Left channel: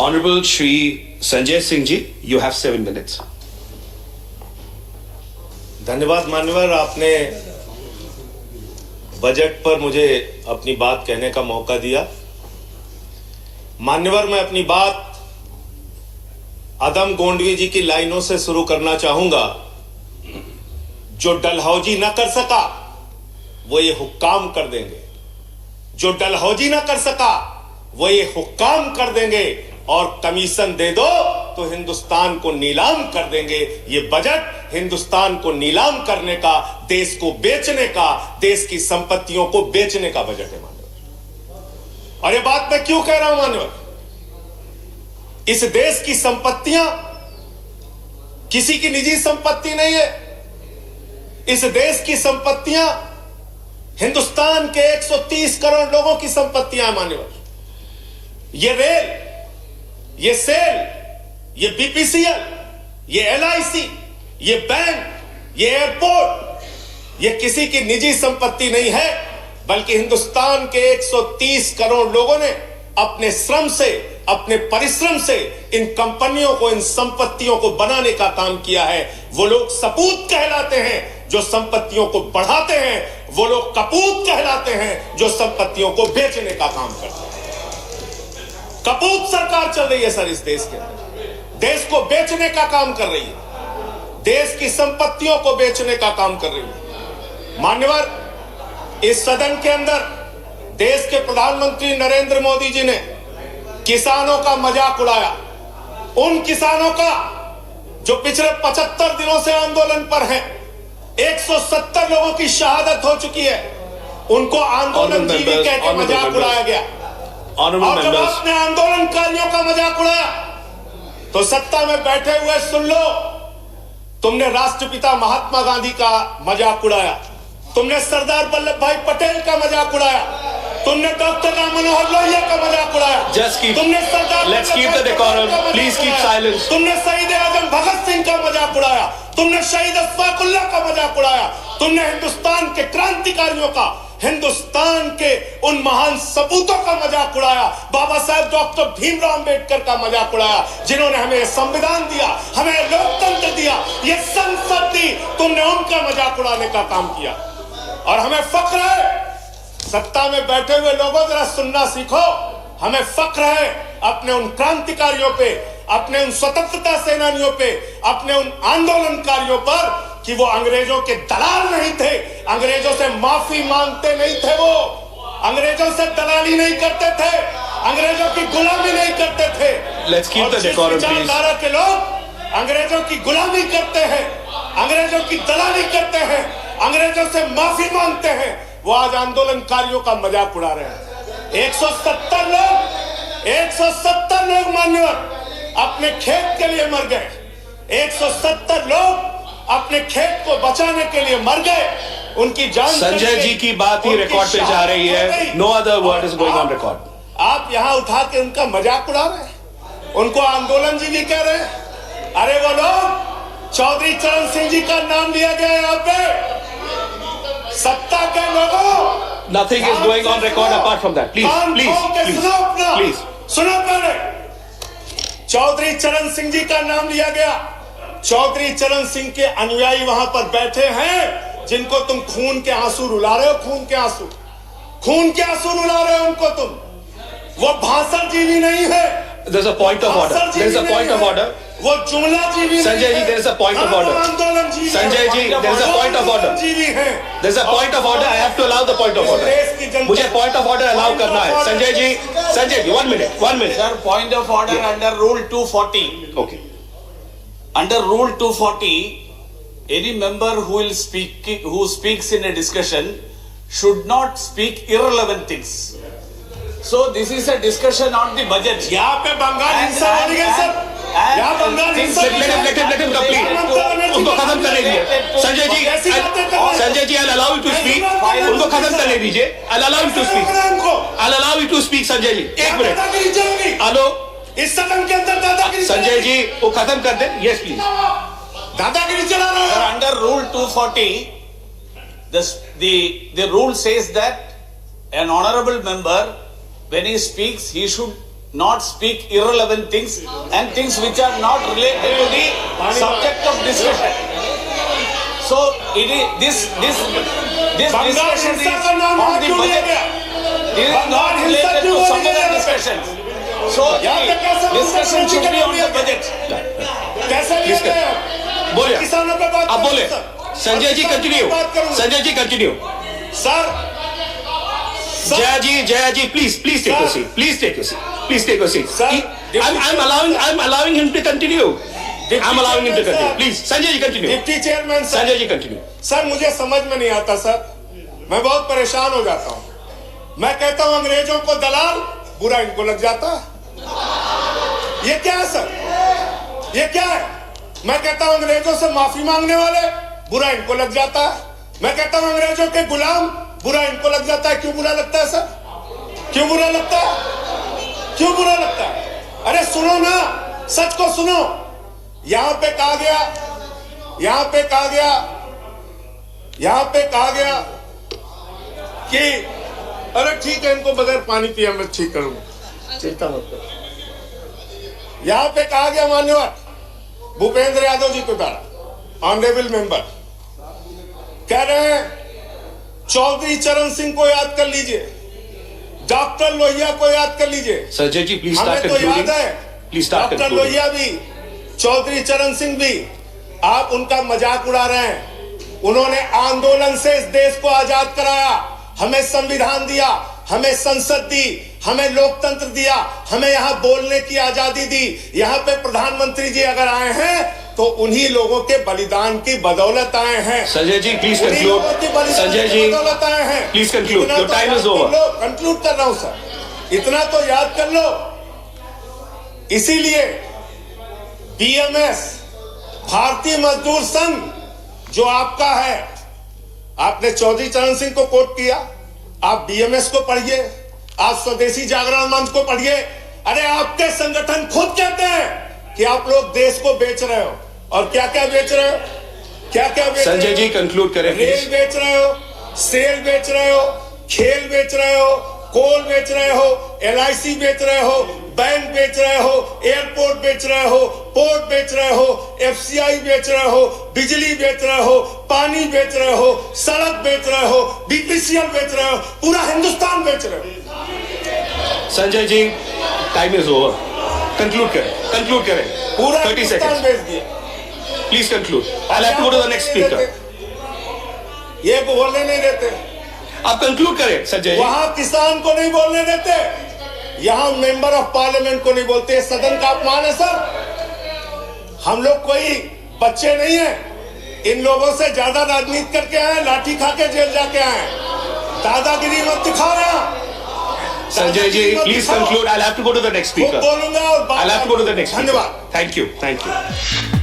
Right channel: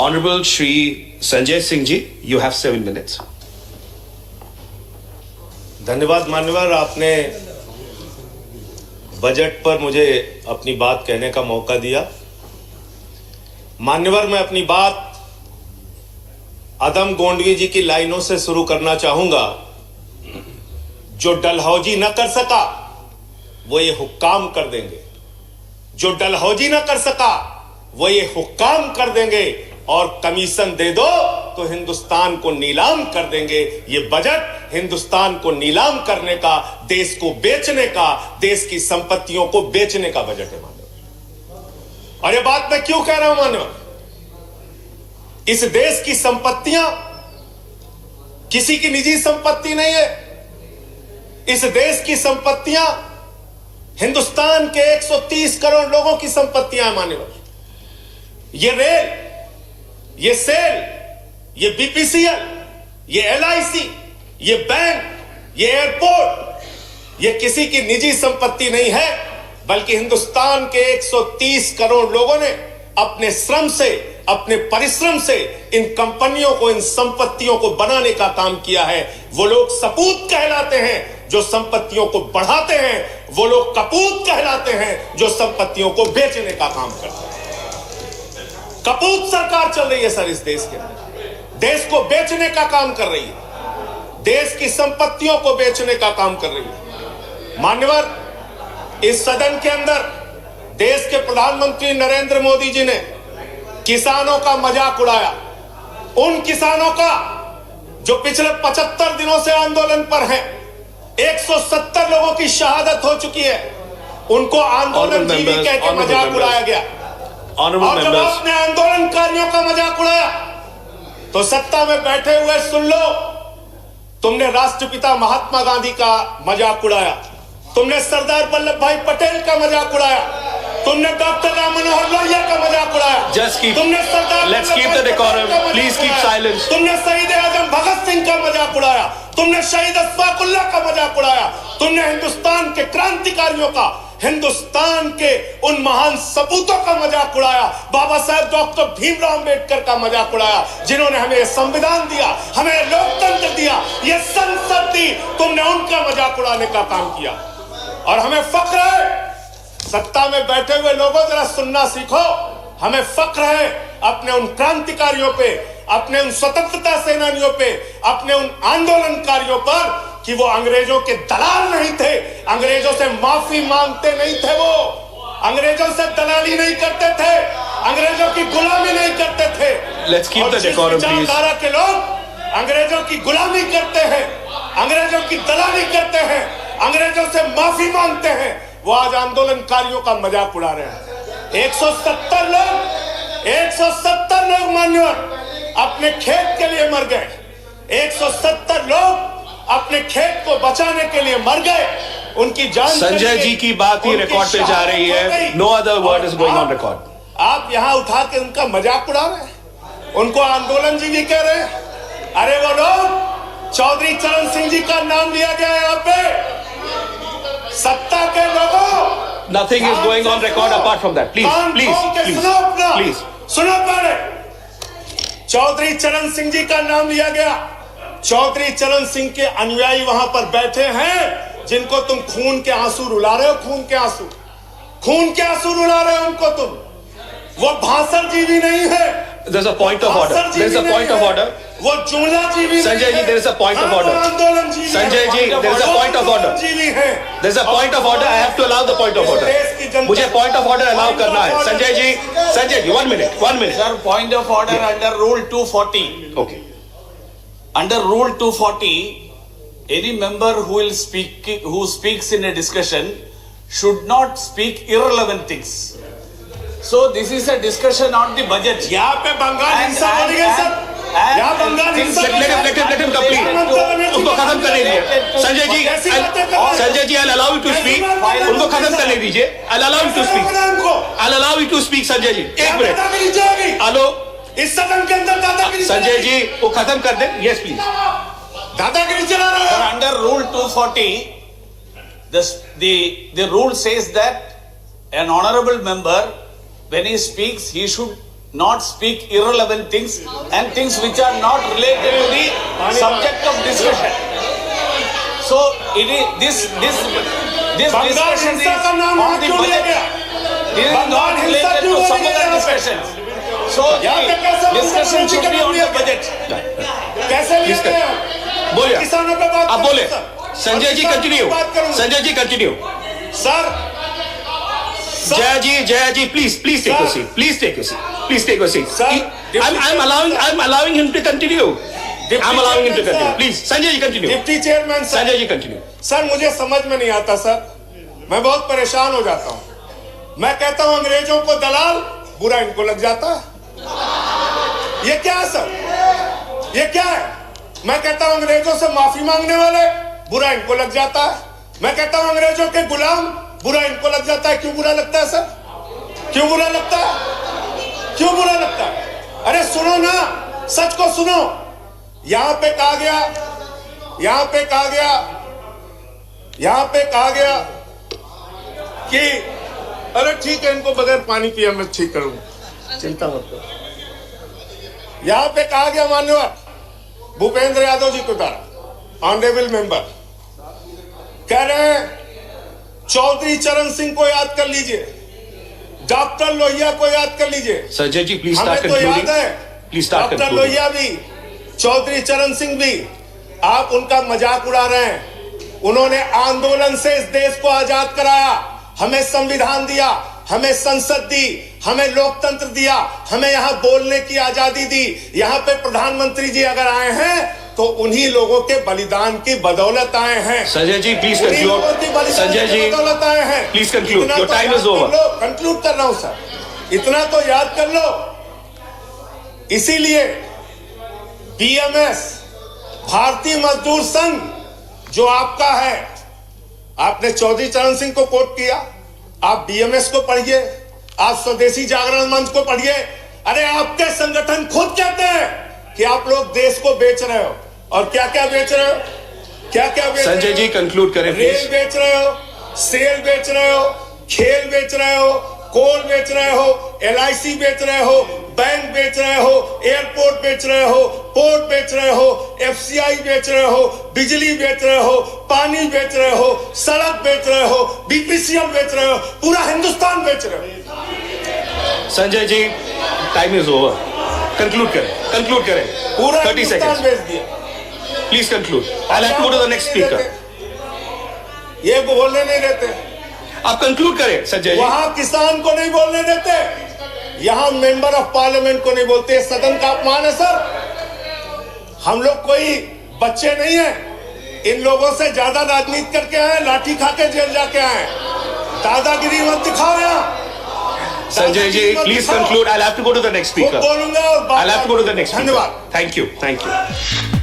Honorable Shri Sanjay Singh ji, you have 7 minutes. धन्यवाद मान्यवर, आपने बजट पर मुझे अपनी बात कहने का मौका दिया। मान्यवर, मैं अपनी बात अदम गोंडवी जी की लाइनों से शुरू करना चाहूंगा। जो डलहौजी न कर सका वो ये हुक्काम कर देंगे, जो डलहौजी न कर सका वो ये हुक्काम कर देंगे, और कमीशन दे दो तो हिंदुस्तान को नीलाम कर देंगे। ये बजट हिंदुस्तान को नीलाम करने का, देश को बेचने का, देश की संपत्तियों को बेचने का बजट है मान्यवर। और ये बात मैं क्यों कह रहा हूं मान्यवर? इस देश की संपत्तियां किसी की निजी संपत्ति नहीं है। इस देश की संपत्तियां हिंदुस्तान के 130 करोड़ लोगों की संपत्तियां हैं मान्यवर। ये रेल, ये सेल, ये बीपीसीएल, ये एलआईसी, ये बैंक, ये एयरपोर्ट, ये किसी की निजी संपत्ति नहीं है, बल्कि हिंदुस्तान के 130 करोड़ लोगों ने अपने श्रम से, अपने परिश्रम से इन कंपनियों को, इन संपत्तियों को बनाने का काम किया है। वो लोग सपूत कहलाते हैं जो संपत्तियों को बढ़ाते हैं, वो लोग कपूत कहलाते हैं जो संपत्तियों को बेचने का काम करते हैं। कपूत सरकार चल रही है सर, इस देश के अंदर देश को बेचने का काम कर रही है, देश की संपत्तियों को बेचने का काम कर रही है। मान्यवर, इस सदन के अंदर देश के प्रधानमंत्री नरेंद्र मोदी जी ने किसानों का मजाक उड़ाया। उन किसानों का जो पिछले 75 दिनों से आंदोलन पर हैं, 170 लोगों की शहादत हो चुकी है, उनको आंदोलन जीवी कह के मजाक उड़ाया गया। और जब आपने आंदोलनकारियों का मजाक उड़ाया तो सत्ता में बैठे हुए सुन लो, तुमने राष्ट्रपिता महात्मा गांधी का मजाक उड़ाया, तुमने सरदार वल्लभ भाई पटेल का मजाक उड़ाया, तुमने डॉक्टर राम मनोहर लोहिया का मजाक उड़ाया, तुमने सरदार तुमने शहीद आजम भगत सिंह का मजाक उड़ाया, तुमने शहीद अशफाक उल्लाह का मजाक उड़ाया, तुमने हिंदुस्तान के क्रांतिकारियों का, हिंदुस्तान के उन महान सपूतों का मजाक उड़ाया, बाबा साहब डॉक्टर भीमराव अंबेडकर का मजाक उड़ाया, जिन्होंने हमें संविधान दिया, हमें लोकतंत्र दिया, ये संसद दी। तुमने उनका मजाक उड़ाने का काम किया। और हमें फख्र है, सत्ता में बैठे हुए लोगों जरा सुनना सीखो, हमें फख्र है अपने उन क्रांतिकारियों पे, अपने उन स्वतंत्रता सेनानियों पे, अपने उन आंदोलनकारियों पर कि वो अंग्रेजों के दलाल नहीं थे, अंग्रेजों से माफी मांगते नहीं थे, वो अंग्रेजों से दलाली नहीं करते थे, अंग्रेजों की गुलामी नहीं करते थे। Let's keep the decorum, please. के लोग अंग्रेजों की गुलामी करते हैं, अंग्रेजों की दलाली करते हैं, अंग्रेजों से माफी मांगते हैं, वो आज आंदोलनकारियों का मजाक उड़ा रहे हैं। 170 लोग मान्यवर अपने खेत के लिए मर गए, 170 लोग अपने खेत को बचाने के लिए मर गए, उनकी जान। संजय जी की बात ही रिकॉर्ड पे जा रही है, no other word is going on record. आप यहां उठा के उनका मजाक उड़ा रहे हैं, उनको आंदोलन जी भी कह रहे हैं। अरे वो लोग, चौधरी चरण सिंह जी का नाम लिया गया यहाँ पे, सत्ता के लोगों। Nothing is going on record apart from that. Please. सुनो पहले, चौधरी चरण सिंह जी का नाम लिया गया। चौधरी चरण सिंह के अनुयायी वहां पर बैठे हैं, जिनको तुम खून के आंसू रुला रहे हो, खून के आंसू रुला रहे हो उनको तुम। वो भाषण जीवी नहीं है। There's a point of order. वो जुमला जीवी। Sanjay ji, there is a point of order. आंदोलन जीवी। Sanjay ji, there is a point of order. जीवी है। There's a point of order. I have to allow the point of order. मुझे point of order allow करना है। Sanjay ji, 1 minute. Sir, point of order under Rule 240. Okay. Under Rule 240, any member who speaks in a discussion should not speak irrelevant things. So this is a discussion on the budget. यहाँ पे बंगाल हिंसा वाली है sir. यहाँ बंगाल हिंसा। Let him complete. उनको खत्म करने दीजिए। Sanjay ji, I'll allow you to speak. उनको खत्म करने दीजिए। I'll allow you to speak, Sanjay ji. 1 minute. Hello. इस सदन के अंदर दादागिरी। संजय जी, वो खत्म कर दे। Yes, please. दादागिरी चला रहा है। Under Rule 240, the rule says that an honorable member, when he speaks, he should not speak irrelevant things and things which are not related to the subject of discussion. So it is this discussion is on the budget. It is not related to some other discussions. So the discussion should be on the budget. Please कर बोलिए, आप बोले। Sanjay ji continue, Sanjay ji continue. Sir Jaya ji, please take Sir. a seat. Please take a seat. Please take a seat. Sir, I'm allowing him to continue. I'm allowing him to continue. Sir. Please, Sanjay ji continue. Deputy chairman sir, Sanjay ji continue. Sir मुझे समझ में नहीं आता sir, मैं बहुत परेशान हो जाता हूं। मैं कहता हूं अंग्रेजों को दलाल, बुरा इनको लग जाता है। ये क्या है सर, ये क्या है? मैं कहता हूं अंग्रेजों से माफी मांगने वाले, बुरा इनको लग जाता है। मैं कहता हूं अंग्रेजों के गुलाम, बुरा इनको लग जाता है। क्यों बुरा लगता है सर? क्यों बुरा लगता है? क्यों बुरा लगता है? अरे सुनो ना, सच को सुनो। यहां पे कहा गया कि अरे ठीक है, इनको बगैर पानी पिया मैं ठीक करूंगा, चिंता मत करो। यहां पे कहा गया माननीय भूपेंद्र यादव जी को द्वारा, ऑनरेबल मेंबर कह रहे हैं चौधरी चरण सिंह को याद कर लीजिए, डॉक्टर लोहिया को याद कर लीजिए। Sanjay ji, please start हमें तो concluding. याद है Please start doctor concluding. Lohia भी, चौधरी चरण सिंह भी। आप उनका मजाक उड़ा रहे हैं। उन्होंने आंदोलन से इस देश को आजाद कराया, हमें संविधान दिया, हमें संसद दी, हमें लोकतंत्र दिया, हमें यहाँ बोलने की आजादी दी। यहाँ पे प्रधानमंत्री जी अगर आए हैं तो उन्हीं लोगों के बलिदान की बदौलत आए हैं। Sanjay ji, please उन्हीं conclude. लोगों की बलिदान Sanjay की ji, बदौलत आए हैं। please conclude. इतना Your तो time याद is over. कर लो, कंक्लूड कर रहा हूं सर, इतना तो याद कर लो। इसीलिए बीएमएस, भारतीय मजदूर संघ जो आपका है, आपने चौधरी चरण सिंह को कोट किया, आप बीएमएस को पढ़िए, आप स्वदेशी जागरण मंच को पढ़िए। अरे आपके संगठन खुद कहते हैं कि आप लोग देश को बेच रहे हो। और क्या क्या बेच रहे हो? क्या क्या बेच रहे हो? Sanjay ji conclude करें रेल please. बेच रहे हो, सेल बेच रहे हो, खेल बेच रहे हो, कोल बेच रहे हो, एलआईसी बेच रहे हो, बैंक बेच रहे हो, एयरपोर्ट बेच रहे हो, पोर्ट बेच रहे हो, एफसीआई बेच रहे हो, बिजली बेच रहे हो, पानी बेच रहे हो, सड़क बेच रहे हो, बीपीसीएल बेच रहे हो, पूरा हिंदुस्तान बेच रहे हो। Sanjay ji, time is over. Conclude करें. पूरा 30 हिंदुस्तान seconds. बेच दिया। Please conclude. I'll have to go to the next speaker. ये बोलने नहीं देते, आप conclude करें संजय जी. वहां किसान को नहीं बोलने देते, यहां मेंबर ऑफ पार्लियामेंट को नहीं बोलते। सदन का अपमान है सर। हम लोग कोई बच्चे नहीं हैं, इन लोगों से ज्यादा राजनीति करके आए, लाठी खा के जेल जाके आए। दादागिरी मत दिखाओ यहां। Sanjay ji, please conclude. I'll have to go to the next speaker. बोलूंगा और I'll have to go to the next speaker. धन्यवाद। Thank you.